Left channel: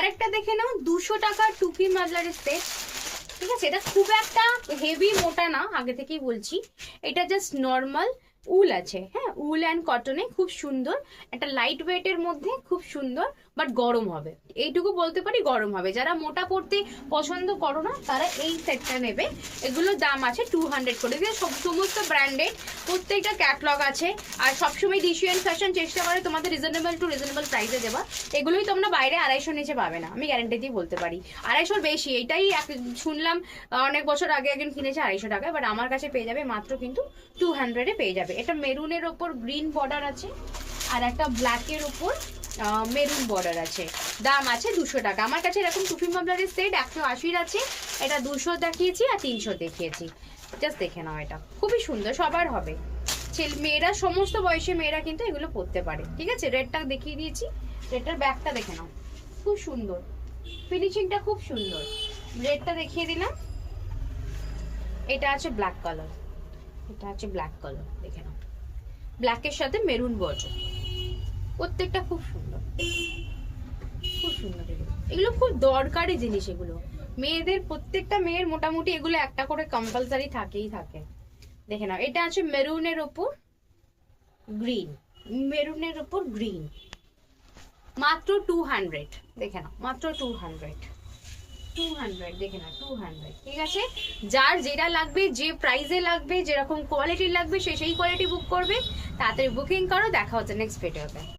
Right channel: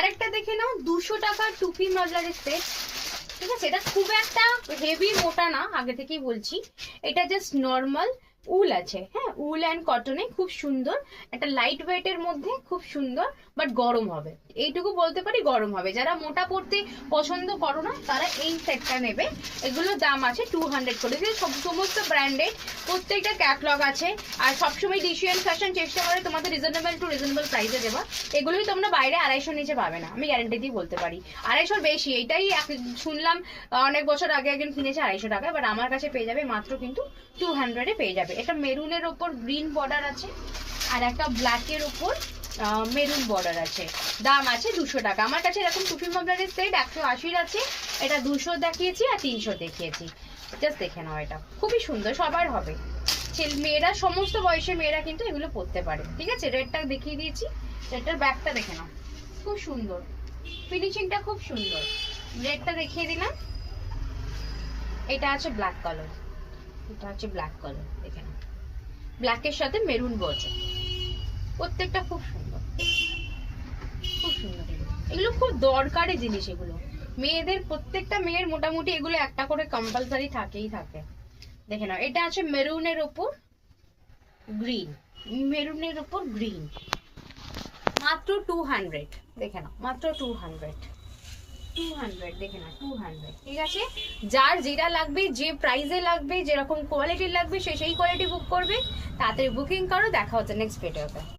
আরেকটা দেখে নাও, 200 টাকার টুপি মাফলারের সেট। ঠিক আছে, এটা খুব একটা হেভি মোটা না, আগে থেকেই বলছি। এটা জাস্ট নর্মাল উল আছে, হ্যাঁ, উল অ্যান্ড কটনে খুব সুন্দর, একটা লাইট ওয়েটের মধ্যে খুব সুন্দর, বাট গরম হবে, এইটুকু বলতে পারি, গরম হবে। যারা মোটা পড়তে পছন্দ করো না তারা এই সেটটা নেবে। এগুলোর দাম আছে 200 করে। এগুলো সমস্ত ব্র্যান্ডেড, প্রত্যেকটা ক্যাটলগ আছে। আর সবসময় ডিসিএন ফ্যাশন চেষ্টা করে তোমাদের রিজনেবল টু রিজনেবল প্রাইসে দেওয়া। এগুলোই তোমরা বাইরে 250 নিচে পাবে না, আমি গ্যারান্টি দিয়ে বলতে পারি। 250 বেশি, এইটাই শুনলাম অনেক বছর আগে একজন কিনেছে 250 টাকায়, বাট আমার কাছে পেয়ে যাবে মাত্র কিন্তু 200-এ পেয়ে যাবে। এটা মেরুনের ওপর গ্রিন বর্ডার আছে, আর একটা ব্ল্যাকের ওপর মেরুন বর্ডার আছে। দাম আছে 200 টাকা। আমার কাছে এরকম টুপি মাফলারের সেট 180 আছে, এটা 200 দেখিয়েছি আর 300 দেখিয়েছি। জাস্ট দেখে নাও, এটা খুবই সুন্দর, সবার হবে। মেয়েরা, সমস্ত বয়সের মেয়েরা কিন্তু এগুলো পরতে পারে। ঠিক আছে, রেডটা দেখিয়ে দিয়েছি, রেডটার ব্যাগটা দেখে নাও, খুব সুন্দর, ফিনিশিংটা খুব সুন্দর। রেডটা দেখিয়ে দিলাম, এটা আছে ব্ল্যাক কালার, এটা আছে ব্ল্যাক কালার, দেখে নাও, ব্ল্যাকের সাথে মেরুন বর্ডার, প্রত্যেকটা খুব সুন্দর, খুব সুন্দর। এগুলো খুব দরকারি জিনিস, এগুলো মেয়েদের, প্রত্যেকটা মেয়ের মোটামুটি এগুলো একটা করে কম্পালসারি থাকেই থাকে। দেখে নাও, এটা আছে মেরুনের ওপর গ্রিন, মেরুনের ওপর গ্রিন, মাত্র 200। দেখে নাও, মাত্র 200, দেখে নাও 200। ঠিক আছে, যার যেটা লাগবে, যে প্রাইসে লাগবে, যেরকম কোয়ালিটির লাগবে, সেই কোয়ালিটি বুক করবে। তাড়াতাড়ি বুকিং করো, দেখা হচ্ছে নেক্সট ভিডিওতে।